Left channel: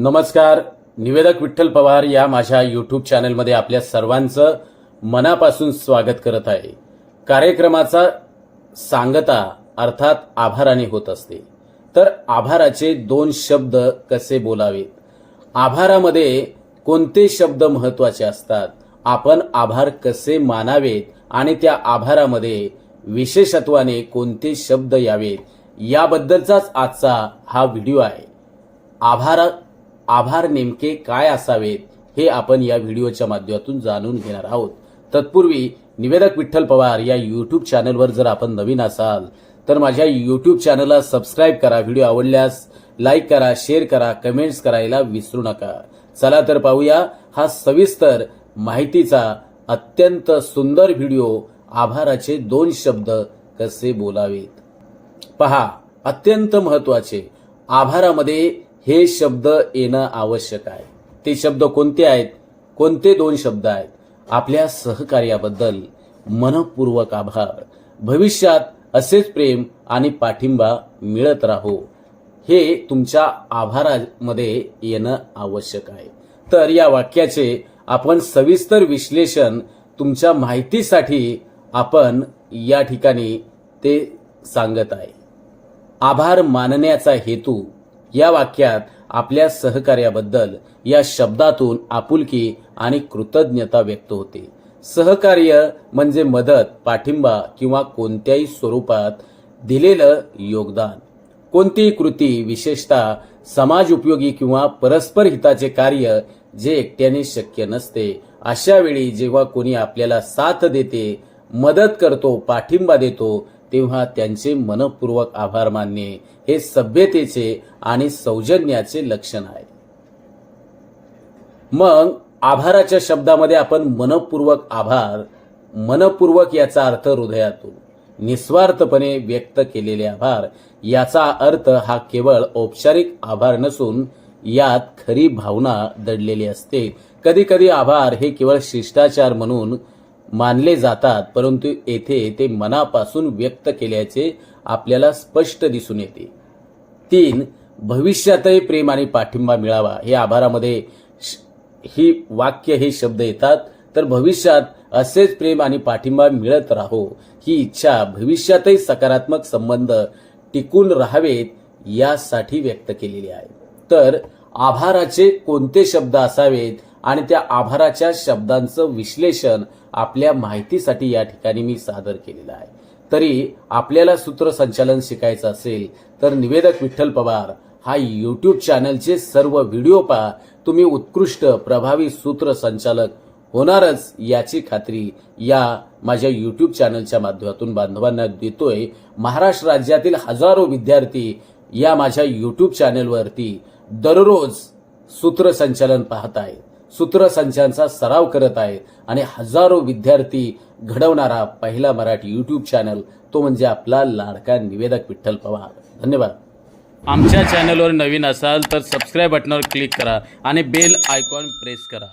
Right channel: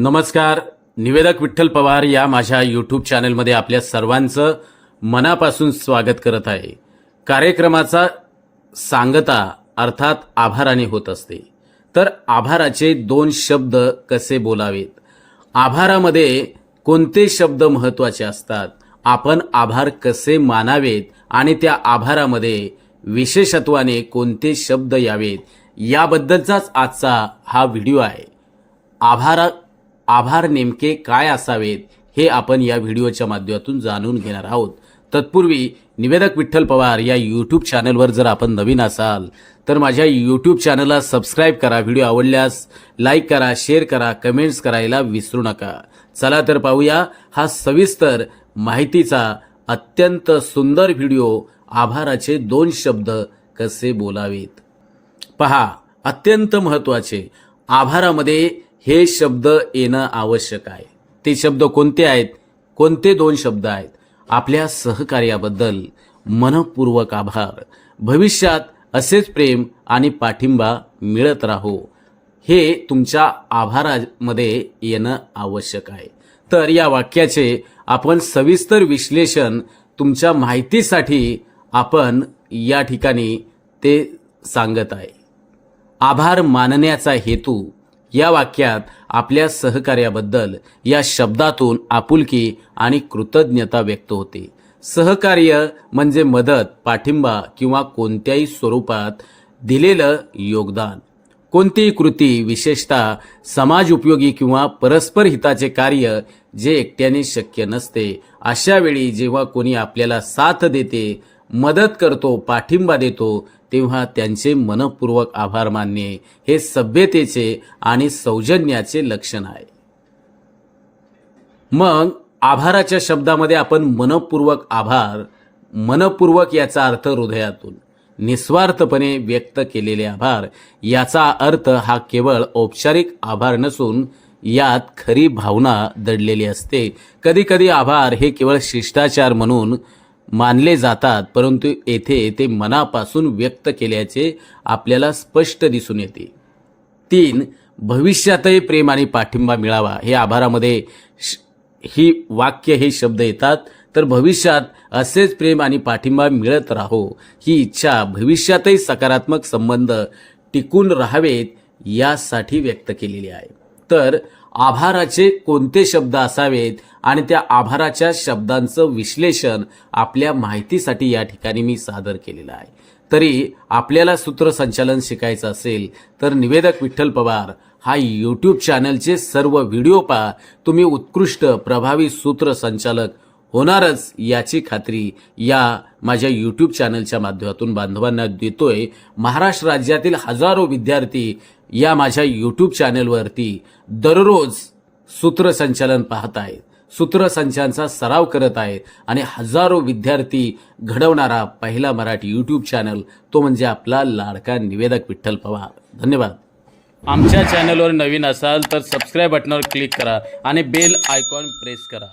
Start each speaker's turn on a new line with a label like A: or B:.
A: नमस्कार. निवेदक विठ्ठल पवार या माझ्या यूट्यूब चॅनलमध्ये आपल्या सर्वांचं मनापासून स्वागत करत आहे. कार्यक्रमाचा सांगता अर्थात आभाराने होत असते. तर आभाराचे दोन शब्द कसे बोलावेत? आभारामध्ये कोणते शब्द महत्त्वाचे असतात? आपण आभार कसे मानावेत? आणि त्या आभारामध्ये विशेषत्वाने कोणते शब्द यावेत? याबद्दलचाच आजचा हा व्हिडिओ आहे. आभार आभार नेमके काय असावेत हे आपण या व्हिडिओच्या माध्यमातून जाणून घेणार आहोत. तत्पूर्वी निवेदक विठ्ठल पवार या यूट्यूब चॅनलवर जर आपण नवीन असाल तर माझ्या यूट्यूब चॅनलला सबस्क्राईब करा व्हिडिओ आवडल्यास लाईक करा शेअर करा कमेंट्स करायला विसरू नका. चला तर पाहूया हा सविस्तर माहितीचा अत्यंत सुंदर व्हिडिओ आभाराचे दोन शब्द कसे बोलावेत. पहा अत्यंत महत्त्वाचे आभारामध्ये हे शब्द येणं आवश्यक आहे. ते शब्द कोणते आहेत? कोणते दोन शब्द आहेत? आपल्या सहकार्याबद्दल मनपूर्वक आभार. भविष्यात असेच प्रेम आणि पाठिंबा मिळत राहो. हे तुमच्या आभारामध्ये येणं आवश्यक आहे. तर या वाक्याचे आपण सविस्तर विश्लेषण तुमच्या माहितीसाठी आपण या ठिकाणी ते सांगत आहे. आभार मानण्याचा हेतू या वाक्यात आपल्या सहकार्याबद्दल या शब्दातून आपुलकी आणि कृतज्ञता व्यक्त होते. सहकार्य म्हणजे मदत पाठिंबा किंवा कोणत्याही स्वरूपात दिलेलं योगदान. कोणतीही कृती विशेषतः समाज उपयोगी किंवा परस्पर हिताचे कार्य जे एकट्याने शक्य नसते अशा वेळी जेव्हा कोणी आपल्याला साथ देते मदत करतो पाठिंबा देतो तेव्हा त्यांचे मनपूर्वक आभार मानणे हे सभ्यतेचे आणि सौजन्याचे लक्षण आहे. मग आभाराच्या शब्दामध्ये आपण मनपूर्वक आभार मनपूर्वक याचा अर्थ हृदयातून निस्वार्थपणे व्यक्त केलेले आभार याचा अर्थ हा केवळ औपचारिक आभार नसून यात खरी भावना दडलेली असते. कधीकधी आभार हे केवळ शिष्टाचार म्हणून मानले जातात परंतु येथे ते मनापासून व्यक्त केल्याचे आपल्याला स्पष्ट दिसून येते. तीन भविष्यातही प्रेम आणि पाठिंबा मिळावा. हे आभारामध्ये श- ही वाक्य हे शब्द येतात. तर भविष्यात असेच प्रेम आणि पाठिंबा मिळत राहो. ही इच्छा भविष्यातही सकारात्मक संबंध टिकून राहावेत यासाठी व्यक्त केलेली आहे. तर आभाराचे कोणते शब्द असावेत? आणि त्या आभाराच्या शब्दांचं विश्लेषण आपल्या माहितीसाठी या ठिकाणी मी सादर केलेलं आहे. तरी आपल्याला सूत्रसंचालन शिकायचं असेल तर निवेदक विठ्ठल पवार हा यूट्यूब चॅनलचे सर्व व्हिडिओ पहा. तुम्ही उत्कृष्ट प्रभावी सूत्रसंचालक होणारच याची खात्री या माझ्या यूट्यूब चॅनलच्या माध्यमातून बांधवांना देतोय. महाराष्ट्र राज्यातील हजारो विद्यार्थी या माझ्या यूट्यूब चॅनलवरती दररोज सूत्रसंचालन पाहत आहेत. सूत्रसंचांचा सराव करत आहे आणि हजारो विद्यार्थी घडवणारा पहिला मराठी यूट्यूब चॅनल तो म्हणजे आपला लाडका निवेदक विठ्ठल पवार. धन्यवाद. आमच्या चॅनलवर नवीन असाल तर सबस्क्राईब बटनावर क्लिक करा आणि बेल आयकॉन प्रेस करा.